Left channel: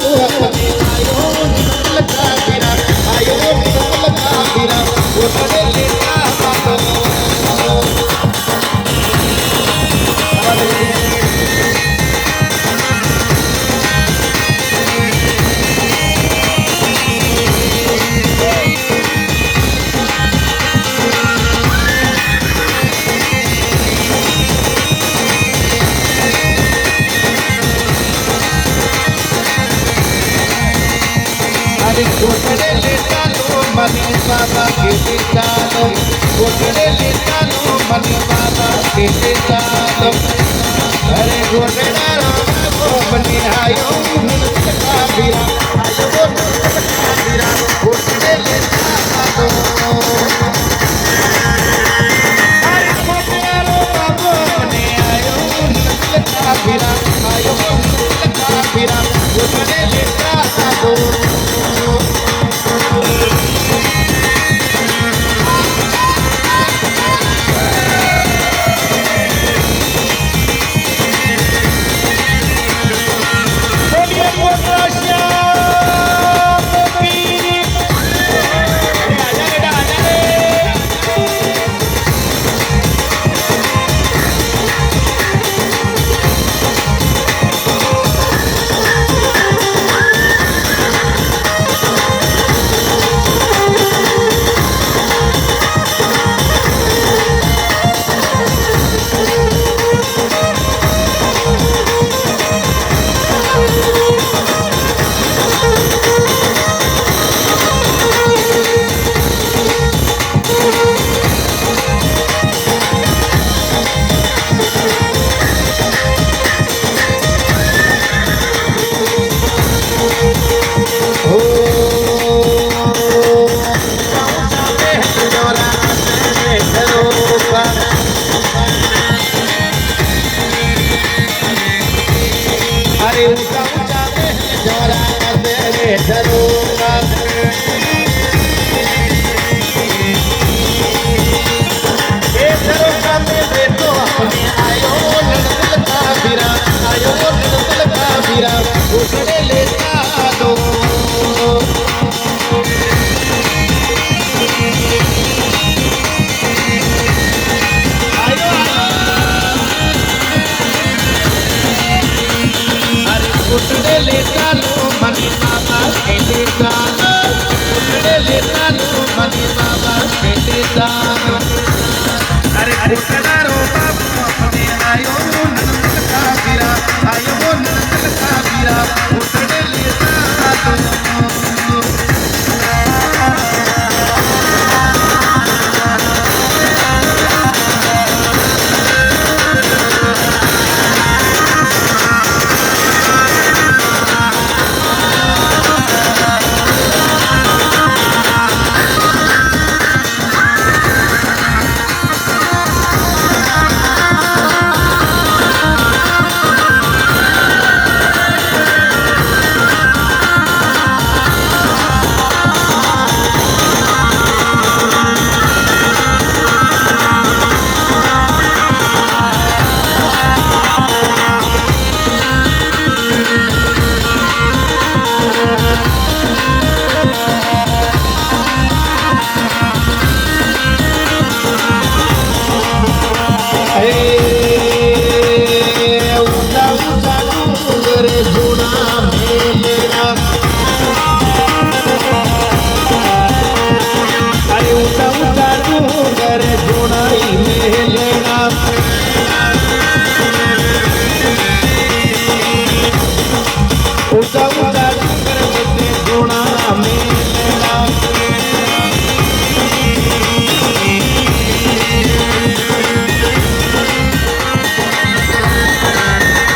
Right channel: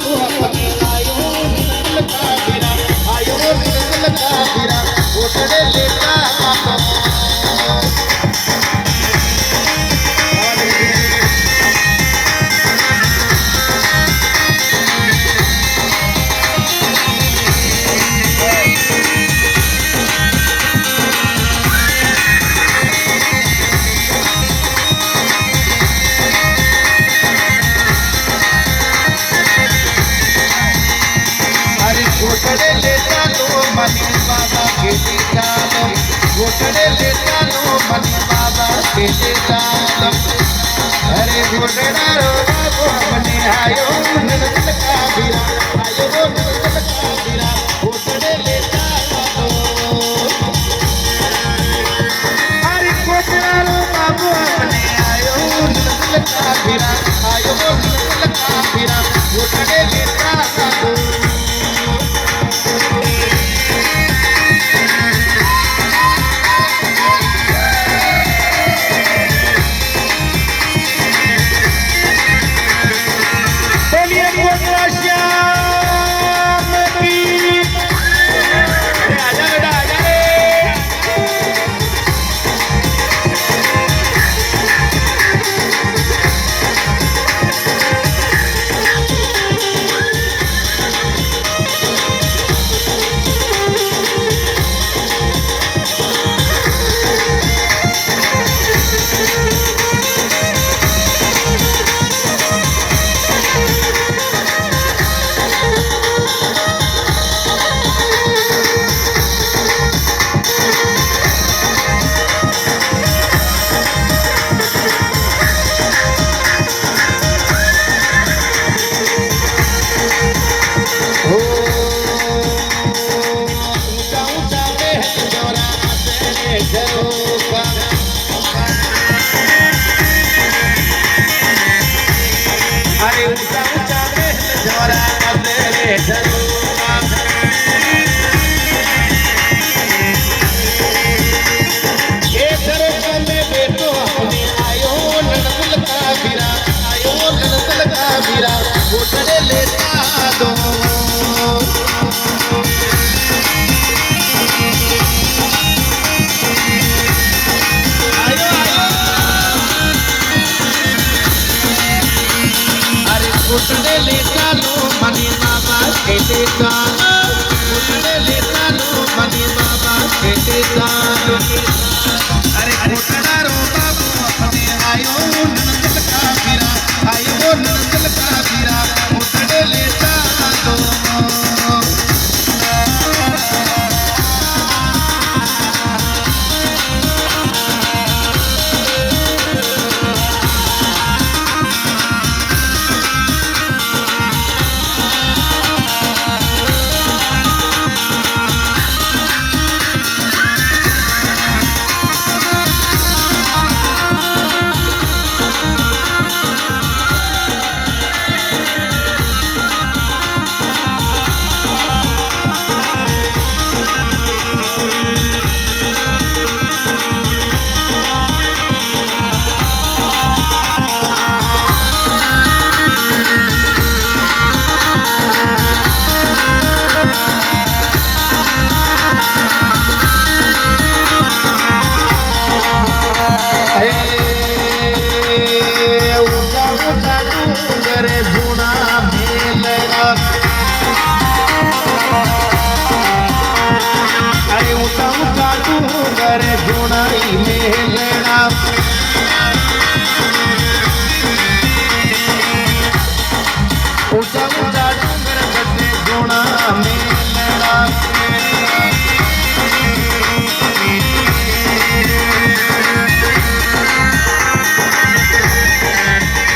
बाबू अपने आयो नल का गिरा आयो नल का गिरा उठने लेता बाबू गोटड़े लेता लो मनी बाबा के चालो गोटड़े लेता लो मनी बाबा के चालो अरे गोटड़ा रो बाबू अपने आयो नल का गिरा आयो नल का गिरा गोटड़े लेता बाबू अरे गोटड़ा रो बाबू अपने आयो नल का गिरा आयो नल का गिरा गोटड़े लेता बाबू